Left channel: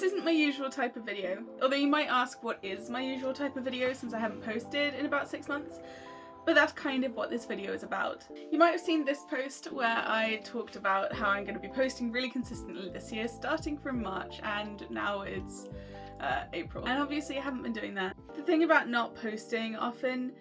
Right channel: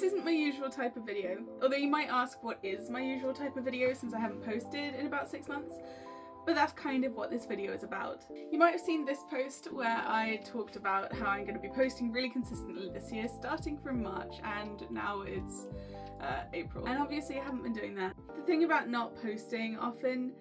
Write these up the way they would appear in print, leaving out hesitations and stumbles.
This isn't my usual type of video, although you might ask what is my usual type of video since I haven't posted in about 6 months, but that's kind of what this video is about. You might have seen this post where I talked about how I'm going to be posting really consistently this year, starting from March, and now it's April. And obviously I haven't been doing that. The thing about not posting often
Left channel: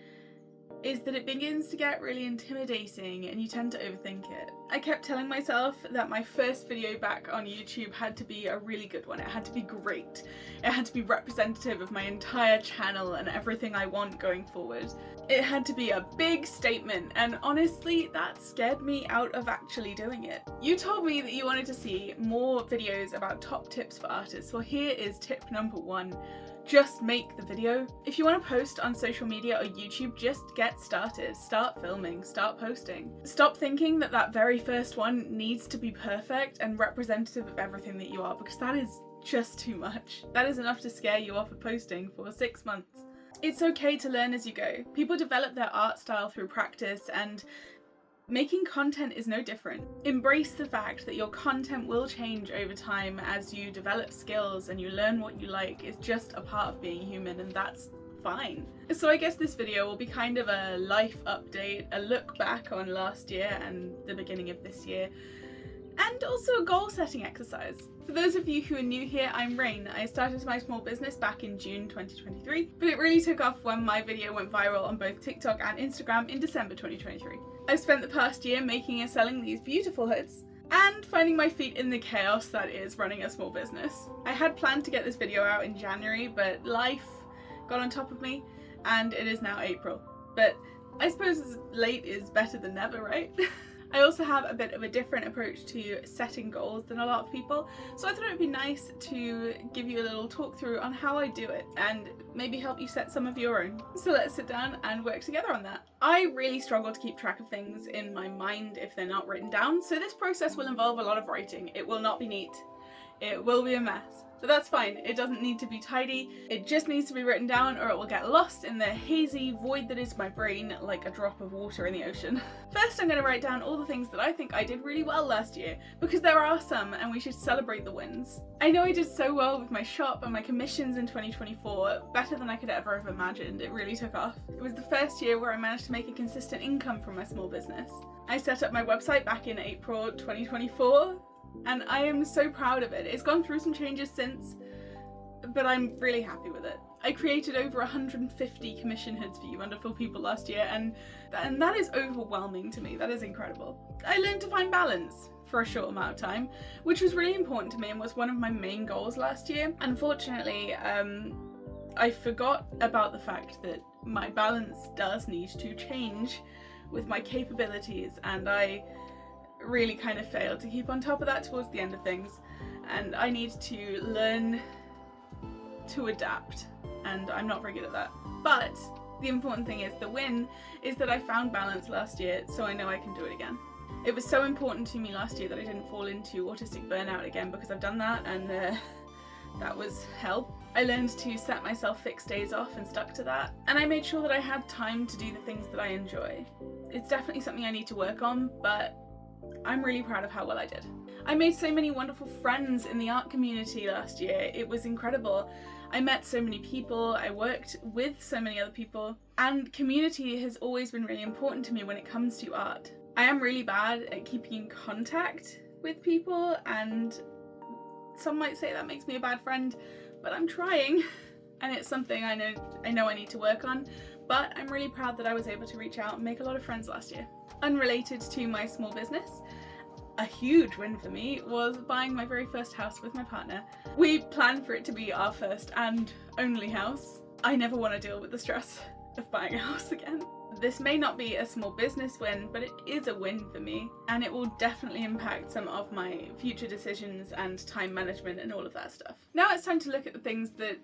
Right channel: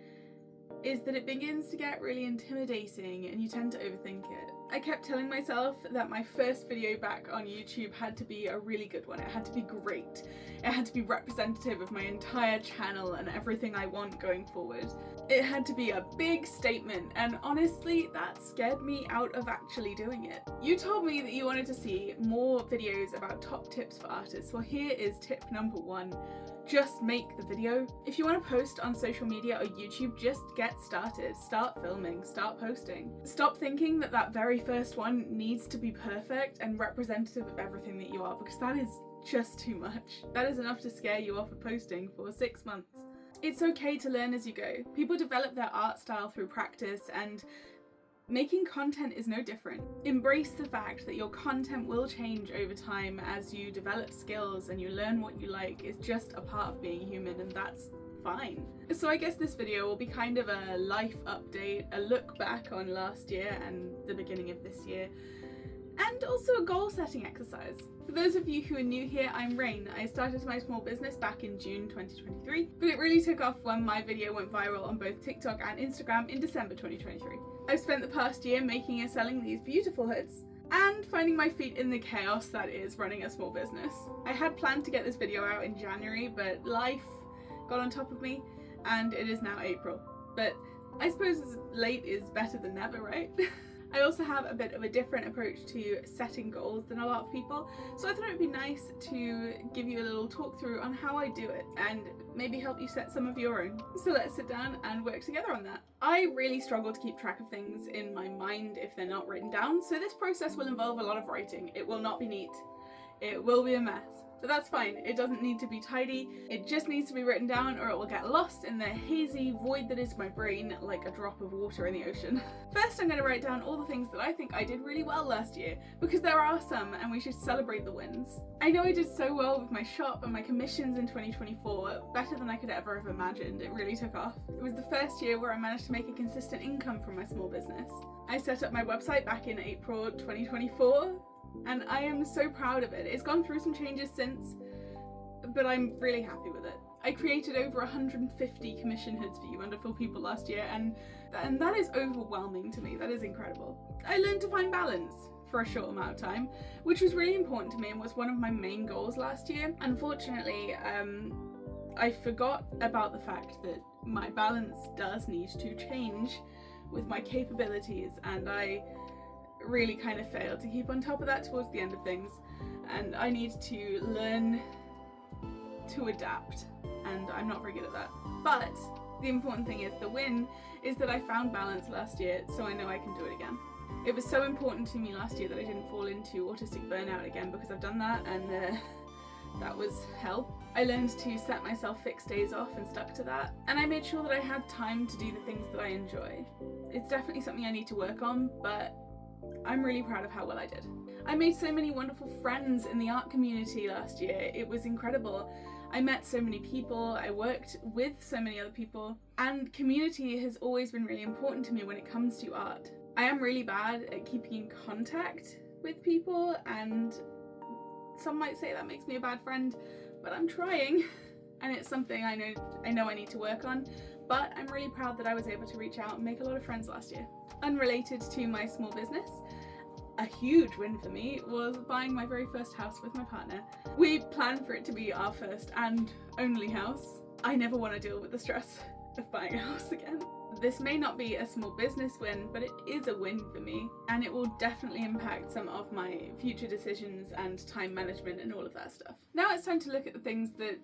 is that it begins to get really intimidating and you tend to overthink it. I kept telling myself that my first video back on YouTube had to be a really good one. It had to be great. It had to be representative of my entire channel and everything I want going forward. It had to be a big statement, and honestly, that scared me out of actually doing it. You told me that you wanted to see more videos about top tips for artists. Well, here is tip number 1. Just make the video. If you want to post on social media or YouTube, just get started. Start filming, start posting. Stop thinking that that very first one needs to be perfect and representative of everything that you are, because that is just too much. That is enough to scare you off of posting for 6 months. It's okay to learn as you go. People develop their art style through practice, and making content is no different. Embrace the fact that your content will change over time as you develop skills and you learn what you like. It's just a part of being human, and that's fine. So I guess this video will be kind of a life update, a look back on last year and the beginning of this year, and also a goal setting exercise. For those of you who are new here, I'm Rain. I started my small business back in June 2023, but it really took off when my video went viral on both TikTok and Instagram in December 2023. I've spent the past year making and selling these beautiful hoods and finding my feet in the chaos that is running a small business. I had planned to get this video out in January, but life got on top of me and it is now April. But I suppose late is better than never, right? I also have a bit of a different approach to setting goals than a lot of people, so I thought it would be nice to give you a little talk through on how I do it and maybe help you set some of your own. So let's sit down and work together on that. I really struggle to keep track of things in my mind if they're not written down, so this process will involve a lot of writing. It will not be neat. It will be a mess. But that's fine, it doesn't need to be tidy, it just needs to be written down or it will get lost in the hazy void that is my brain like a drop of water in the ocean. First I'm going to write down all the things that I think I did really well last year, because there are some and we should celebrate the wins. I know I did so well with my shop and my commissions in 2024, better than I could ever have imagined. It really took off. It was the first year where I managed to make a consistent income from my small business. I set up my website back in April 2024, and I am so proud of it. It's gone through some changes since, but I'm really happy with it. I created over 150 commission hoods for you wonderful people last year, and that is overwhelming to me. That is incredible. I learned to find balance for a short amount of time, which was really important to me and was one of my main goals last year. Unfortunately, I forgot about the fact that my balance does need to change with my capabilities, and I really kind of failed to keep on top of that towards the end of things, and I need to learn to adapt, and I'm not very good at that. But the important thing is, the win is that I found balance last year, so I know I can do it again. It was so important to me last year that I didn't fall into autistic burnout again, because I've done that and that was hell. I learned to set myself fixed days off and stuck to that, and I made sure that I had time to do the things that I enjoy. It's definitely something I need to work on, but I'm really proud of how well I did. I made so many wonderful friends in the art community last year. It was incredible. I met so many people, I worked with so many other people, and community has always been really important to me when it comes to art. I am really bad at keeping in contact with people, and some might say that makes me a bad friend, but I'm trying, and it's something I know I need to work on. But I'm really proud that I was able to reach out and make a lot of friends last year. Unrelated to my small business, a huge win for me was buying my very first house with my partner. We planned for it to be our first and only house. I never want to deal with the stress of buying a house again. This may not be a small business win, but it is a win for me, and it will definitely impact some of my future decisions and time management and all of that stuff. Now it's time to look at the things that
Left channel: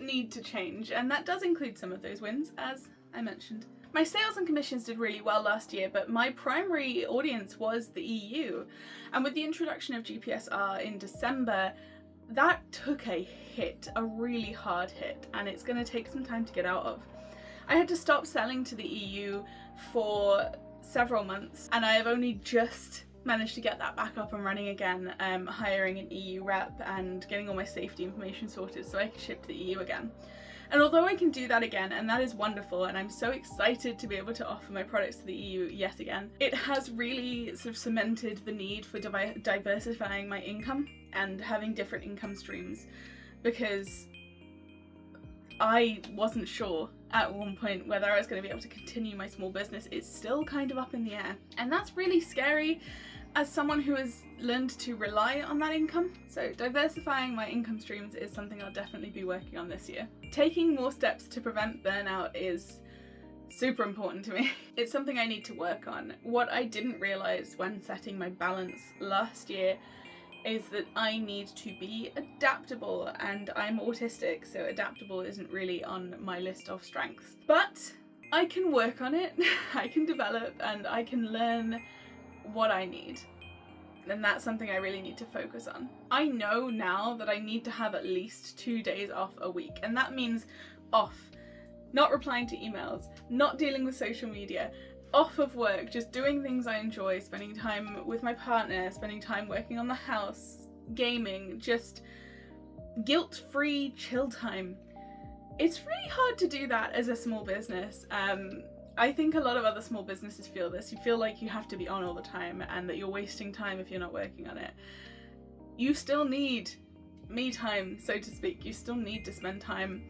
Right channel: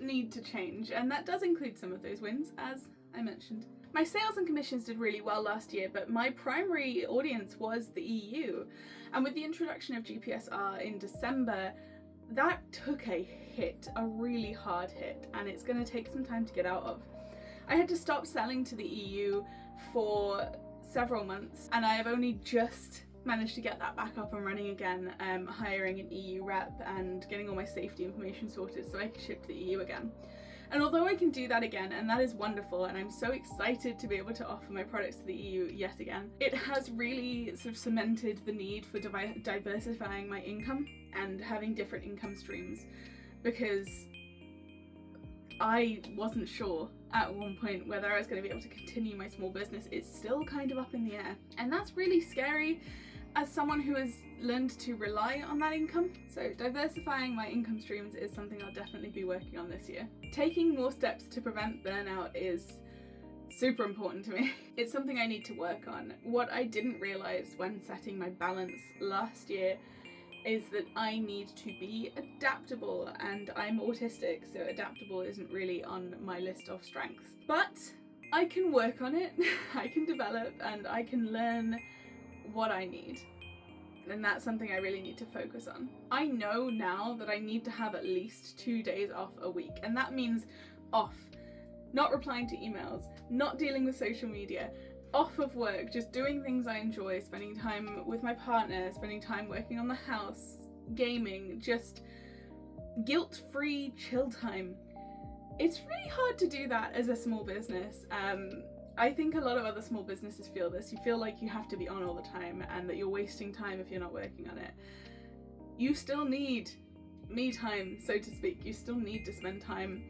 need to change, and that does include some of those wins, as I mentioned. My sales and commissions did really well last year, but my primary audience was the EU, and with the introduction of GPSR in December, that took a hit, a really hard hit, and it's going to take some time to get out of. I had to stop selling to the EU for several months, and I have only just managed to get that back up and running again, hiring an EU rep and getting all my safety information sorted so I can ship to the EU again. And although I can do that again, and that is wonderful, and I'm so excited to be able to offer my products to the EU yet again, it has really sort of cemented the need for diversifying my income and having different income streams, because I wasn't sure at one point whether I was going to be able to continue my small business. It's still kind of up in the air, and that's really scary as someone who has learned to rely on that income. So diversifying my income streams is something I'll definitely be working on this year. Taking more steps to prevent burnout is super important to me. It's something I need to work on. What I didn't realise when setting my balance last year is that I need to be adaptable, and I'm autistic, so adaptable isn't really on my list of strengths. But I can work on it, I can develop, and I can learn what I need. And that's something I really need to focus on. I know now that I need to have at least 2 days off a week, and that means off. Not replying to emails, not dealing with social media, off of work, just doing things I enjoy, spending time with my partner, spending time working on the house, gaming, just guilt-free chill time. It's really hard to do that as a small business. I think a lot of other small businesses feel this. You feel like you have to be on all the time and that you're wasting time if you're not working on it. You still need me time, so to speak. You still need to spend time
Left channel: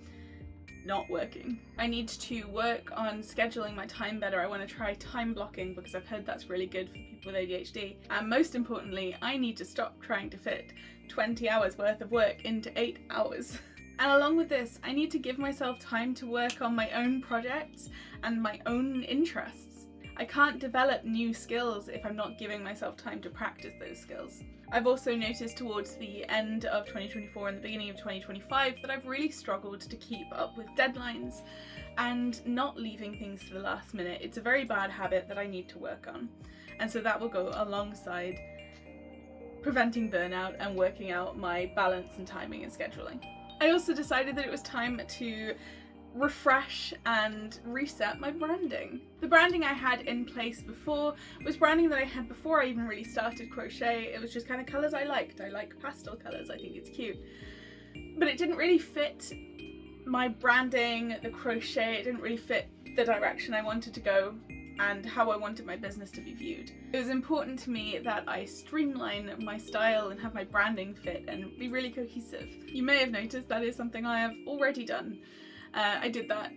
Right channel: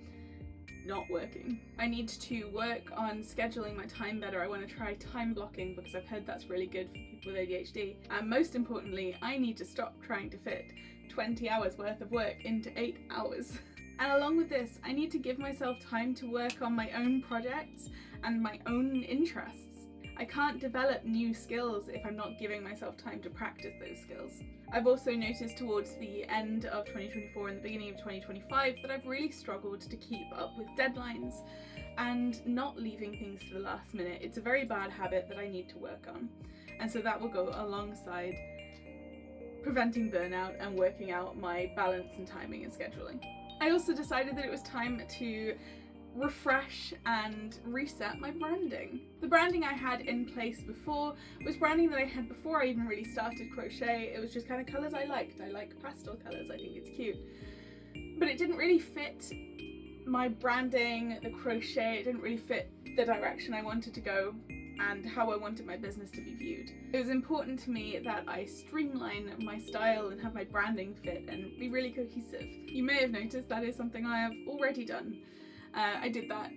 not working. I need to work on scheduling my time better. I want to try time blocking because I've heard that's really good for people with ADHD. And most importantly, I need to stop trying to fit 20 hours worth of work into 8 hours. And along with this, I need to give myself time to work on my own projects and my own interests. I can't develop new skills if I'm not giving myself time to practice those skills. I've also noticed towards the end of 2024 and the beginning of 2025 that I've really struggled to keep up with deadlines and not leaving things to the last minute. It's a very bad habit that I need to work on. And so that will go alongside preventing burnout and working out my balance and timing and scheduling. I also decided that it was time to refresh and reset my branding. The branding I had in place before was branding that I had before I even really started crochet. It was just kind of colours I liked. I like pastel colours, I think it's cute. But it didn't really fit my branding, the crochet, it didn't really fit the direction I wanted to go and how I wanted my business to be viewed. It was important to me that I streamline my style and have my branding fit and be really cohesive. You may have noticed that is something I have already done. I did that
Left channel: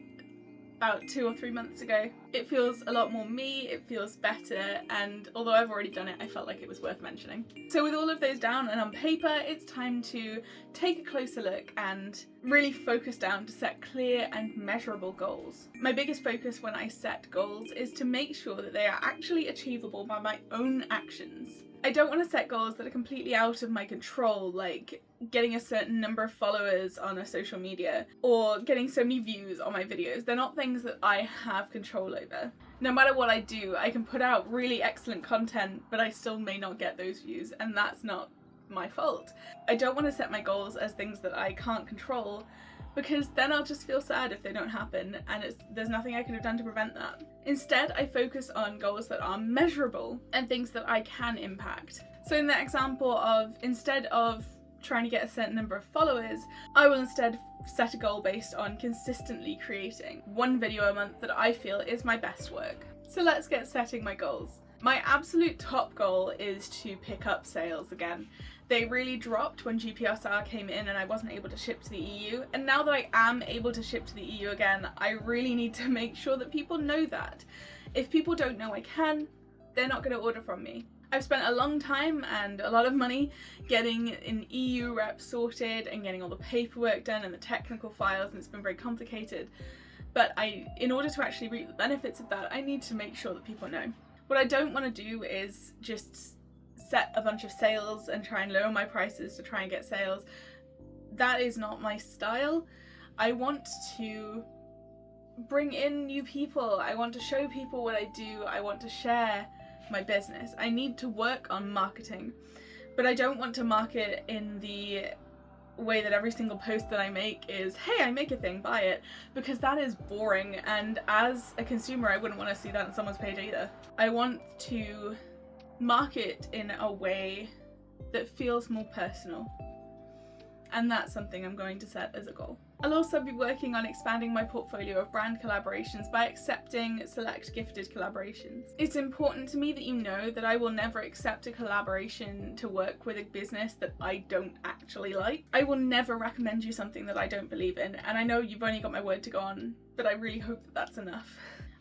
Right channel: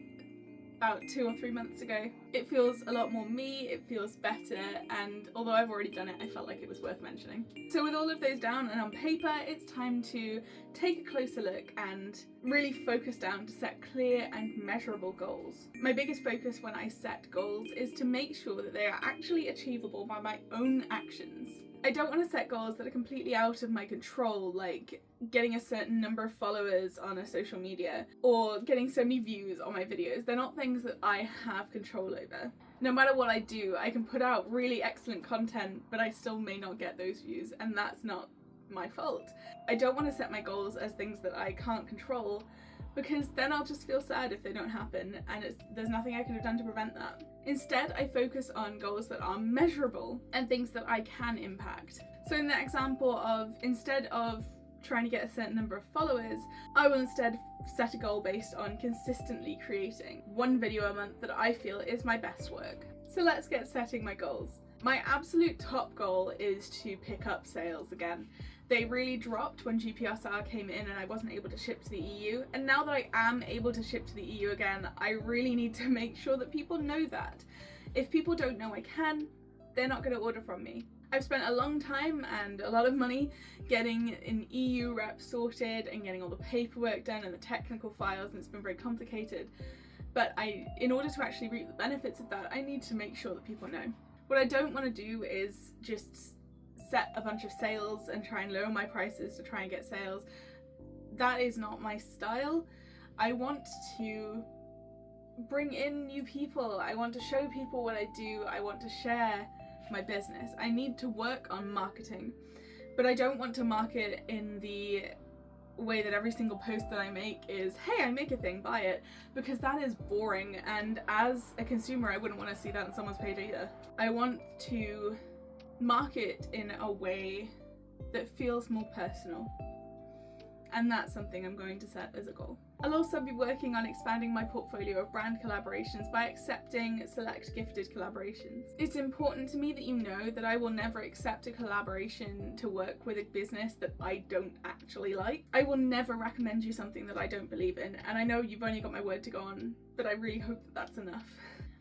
about 2 or 3 months ago. It feels a lot more me, it feels better, and although I've already done it, I felt like it was worth mentioning. So with all of those down and on paper, it's time to take a closer look and really focus down to set clear and measurable goals. My biggest focus when I set goals is to make sure that they are actually achievable by my own actions. I don't want to set goals that are completely out of my control, like getting a certain number of followers on a social media or getting so many views on my videos. They're not things that I have control over. No matter what I do, I can put out really excellent content, but I still may not get those views, and that's not my fault. I don't want to set my goals as things that I can't control, because then I'll just feel sad if they don't happen, and there's nothing I could have done to prevent that. Instead, I focus on goals that are measurable and things that I can impact. So in that example of, instead of trying to get a certain number of followers, I will instead set a goal based on consistently creating 1 video a month that I feel is my best work. So let's get setting my goals. My absolute top goal is to pick up sales again. They really dropped when GPSR came in and I wasn't able to ship to the EU, and now that I am able to ship to the EU again, I really need to make sure that people know that. If people don't know I can, they're not going to order from me. I've spent a long time and a lot of money getting an EU rep sorted and getting all the paperwork done and the technical files, and it's been very complicated. But in order to actually reap the benefits of that, I need to make sure that people know. What I don't want to do is just set a bunch of sales and try and lower my prices to try and get sales. That is not my style. I want to bring in new people. I want to show people what I do. I want to share my business. I need to work on marketing, but I don't want to market in the way that every single post that I make is, hey, I make a thing, buy it, because that is boring, and as a consumer I wouldn't want to see that on someone's page either. I want to market in a way that feels more personal. And that's something I'm going to set as a goal. I'll also be working on expanding my portfolio of brand collaborations by accepting select gifted collaborations. It's important to me that you know that I will never accept a collaboration to work with a business that I don't actually like. I will never recommend you something that I don't believe in, and I know you've only got my word to go on, but I really hope that that's enough.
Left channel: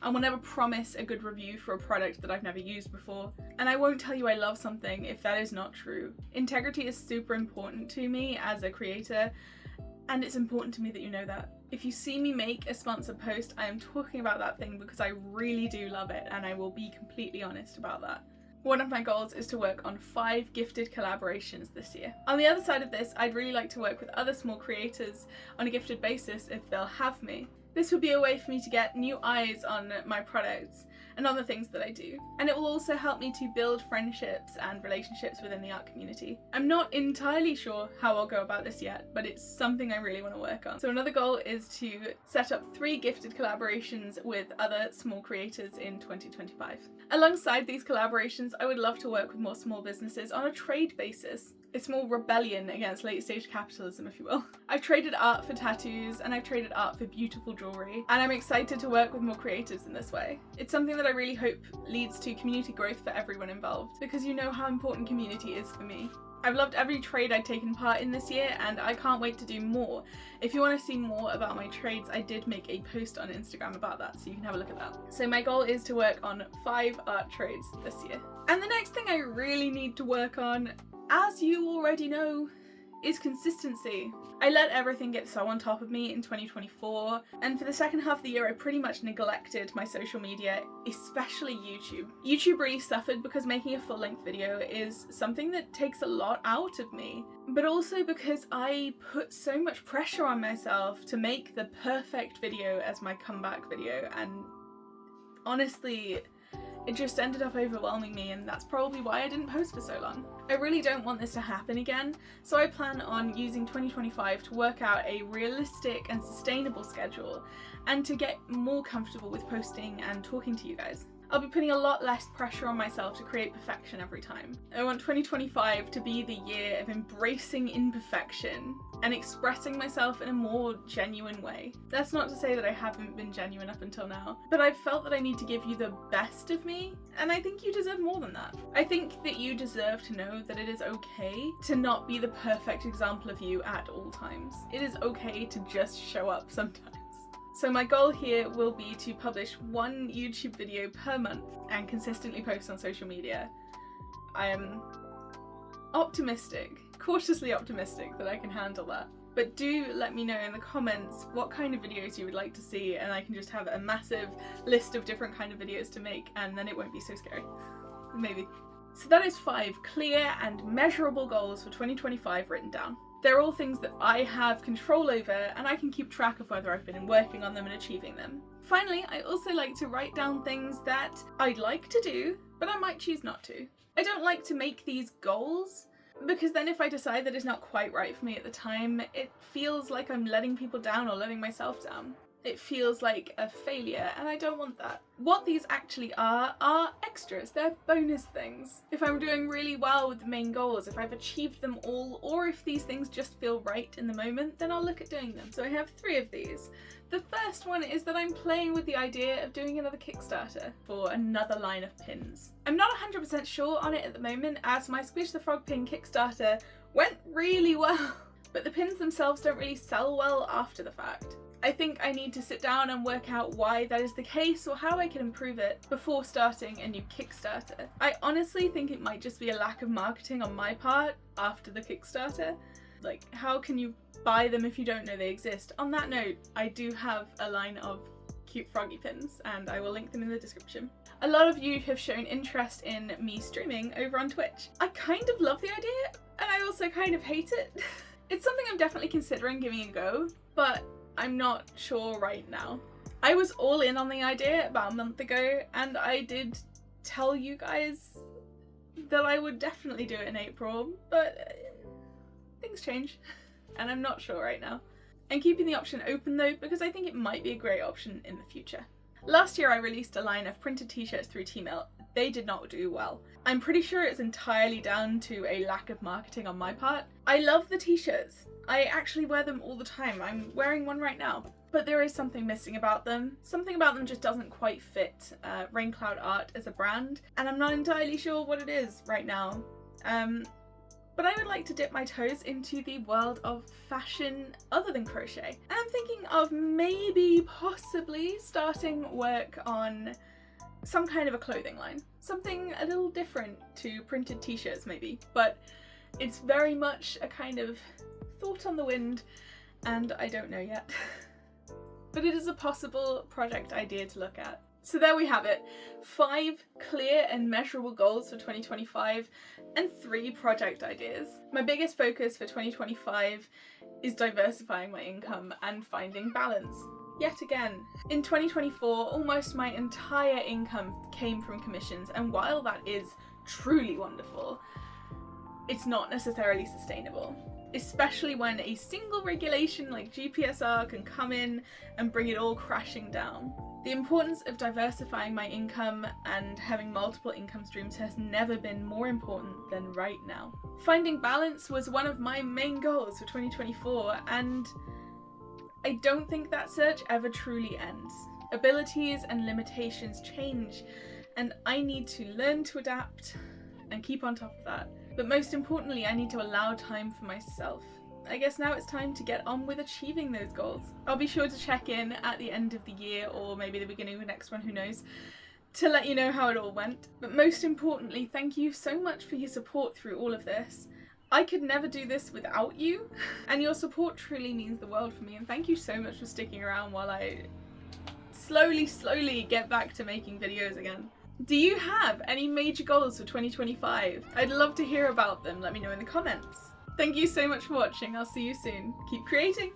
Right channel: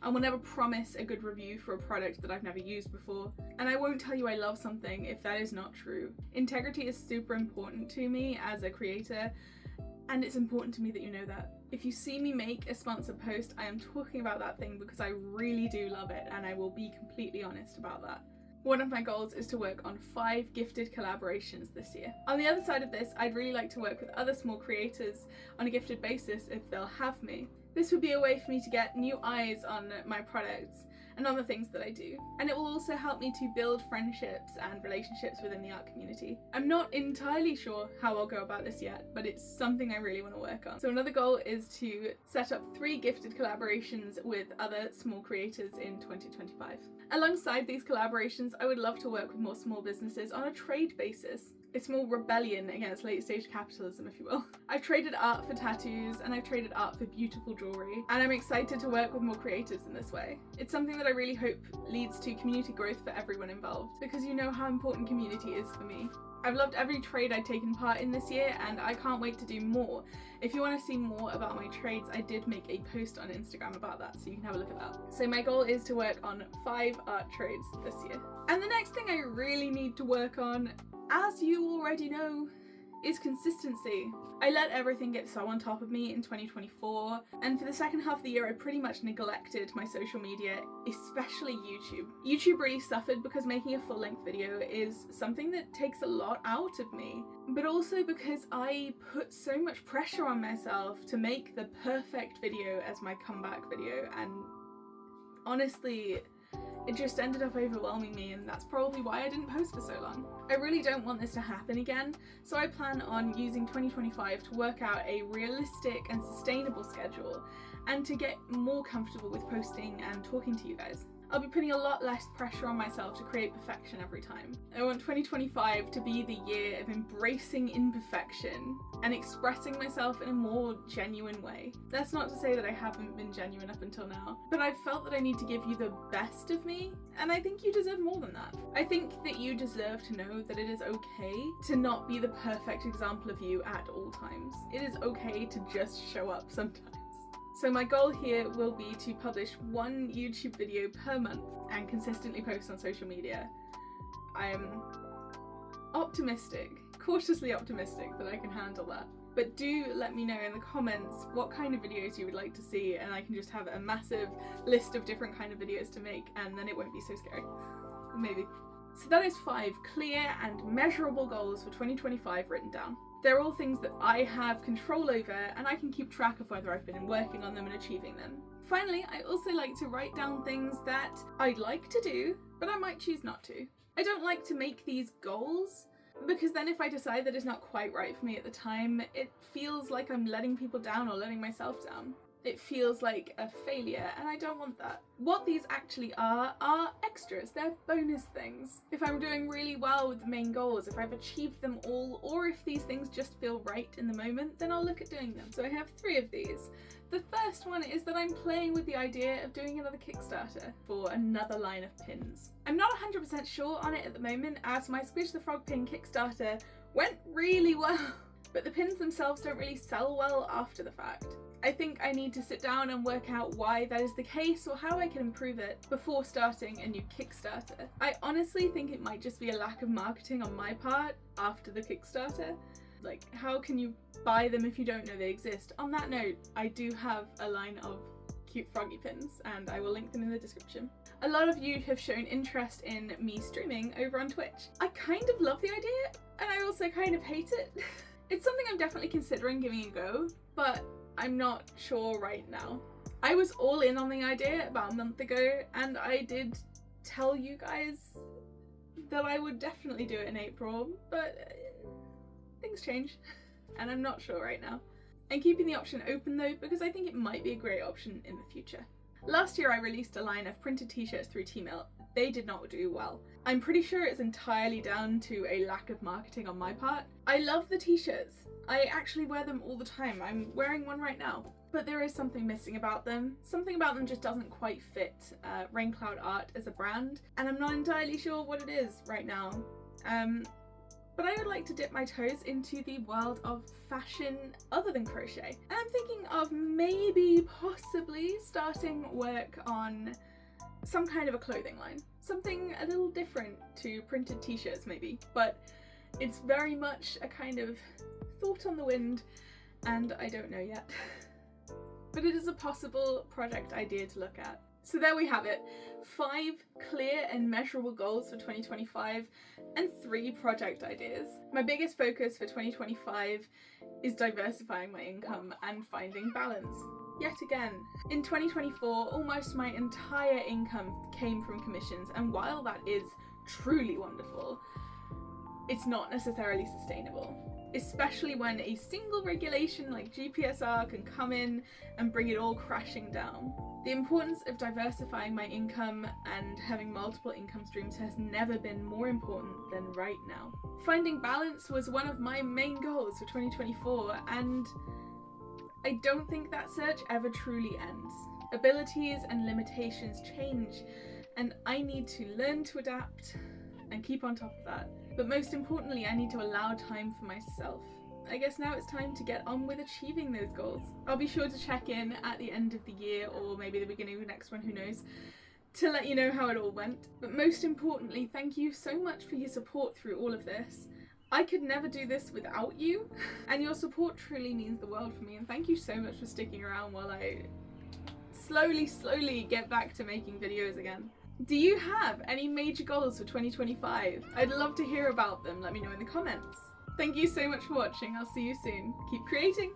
I will never promise a good review for a product that I've never used before, and I won't tell you I love something if that is not true. Integrity is super important to me as a creator, and it's important to me that you know that. If you see me make a sponsored post, I am talking about that thing because I really do love it, and I will be completely honest about that. One of my goals is to work on 5 gifted collaborations this year. On the other side of this, I'd really like to work with other small creators on a gifted basis if they'll have me. This would be a way for me to get new eyes on my products and on the things that I do. And it will also help me to build friendships and relationships within the art community. I'm not entirely sure how I'll go about this yet, but it's something I really want to work on. So another goal is to set up 3 gifted collaborations with other small creators in 2025. Alongside these collaborations, I would love to work with more small businesses on a trade basis. A small rebellion against late-stage capitalism, if you will. I've traded art for tattoos, and I've traded art for beautiful jewellery, and I'm excited to work with more creatives in this way. It's something that I really hope leads to community growth for everyone involved, because you know how important community is for me. I've loved every trade I've taken part in this year, and I can't wait to do more. If you want to see more about my trades, I did make a post on Instagram about that, so you can have a look at that. So my goal is to work on 5 art trades this year. And the next thing I really need to work on, as you already know, is consistency. I let everything get so on top of me in 2024, and for the second half of the year I pretty much neglected my social media, especially YouTube. YouTube really suffered because making a full-length video is something that takes a lot out of me, but also because I put so much pressure on myself to make the perfect video as my comeback video, and honestly, it just ended up overwhelming me, and that's probably why I didn't post for so long. I really don't want this to happen again, so I plan on using 2025 to work out a realistic and sustainable schedule and to get more comfortable with posting and talking to you guys. I'll be putting a lot less pressure on myself to create perfection every time. I want 2025 to be the year of embracing imperfection and expressing myself in a more genuine way. That's not to say that I haven't been genuine up until now, but I've felt that I need to give you the best of me, and I think you deserve more than that. I think that you deserve to know that it is okay to not be the perfect example of you at all times. It is okay to just show up sometimes. So my goal here will be to publish 1 YouTube video per month and consistently post on social media. I am optimistic, cautiously optimistic that I can handle that. But do let me know in the comments what kind of videos you would like to see, and I can just have a massive list of different kind of videos to make, and then it won't be so scary. Maybe. So that is 5 clear and measurable goals for 2025 written down. They're all things that I have control over, and I can keep track of whether I've been working on them and achieving them. Finally, I also like to write down things that I'd like to do, but I might choose not to. I don't like to make these goals, because then if I decide that it's not quite right for me at the time, it feels like I'm letting people down or letting myself down. It feels like a failure, and I don't want that. What these actually are extras. They're bonus things. If I'm doing really well with the main goals, if I've achieved them all, or if these things just feel right in the moment, then I'll look at doing them. So I have 3 of these. The first one is that I'm playing with the idea of doing another Kickstarter for another line of pins. I'm not 100% sure on it at the moment, as my Squish the Frog pin Kickstarter went really well, but the pins themselves don't really sell well after the fact. I think I need to sit down and work out why that is the case or how I can improve it before starting a new Kickstarter. I honestly think it might just be a lack of marketing on my part after the Kickstarter. Like, how can you buy them if you don't know they exist? On that note, I do have a line of cute froggy pins, and I will link them in the description. A lot of you have shown interest in me streaming over on Twitch. I kind of love the idea, and I also kind of hate it. It's something I'm definitely considering giving a go, but I'm not sure right now. I was all in on the idea about a month ago, and I did tell you guys that I would definitely do it in April, but things change, and I'm not sure right now. I'm keeping the option open though, because I think it might be a great option in the future. Last year I released a line of printed t-shirts through Tmail. they did not do well. I'm pretty sure it's entirely down to a lack of marketing on my part. I love the t-shirts. I actually wear them all the time. I'm wearing one right now. But there is something missing about them. Something about them just doesn't quite fit Rain Cloud Art as a brand, and I'm not entirely sure what it is right now. But I would like to dip my toes into the world of fashion other than crochet. And I'm thinking of maybe possibly starting work on some kind of a clothing line. Something a little different to printed t-shirts maybe, but it's very much a kind of thought on the wind and I don't know yet. But it is a possible project idea to look at. So there we have it, 5 clear and measurable goals for 2025 and 3 project ideas. My biggest focus for 2025 is diversifying my income and finding balance. Yet again, in 2024, almost my entire income came from commissions, and while that is truly wonderful, it's not necessarily sustainable. Especially when a single regulation like GPSR can come in and bring it all crashing down. The importance of diversifying my income and having multiple income streams has never been more important than right now. Finding balance was one of my main goals for 2024, and I don't think that search ever truly ends. Abilities and limitations change, and I need to learn to adapt and keep on top of that. But most importantly, I need to allow time for myself. I guess now it's time to get on with achieving those goals. I'll be sure to check in at the end of the year, or maybe the beginning of the next one, who knows, to let you know how it all went. But most importantly, thank you so much for your support through all of this. I could never do this without you, and your support truly means the world for me, and thank you so much for sticking around while I slowly get back to making videos again. Do you have any major goals for 2025? I'd love to hear about them. Let me know in the comments. Thank you so much for watching. I'll see you soon. Keep creating!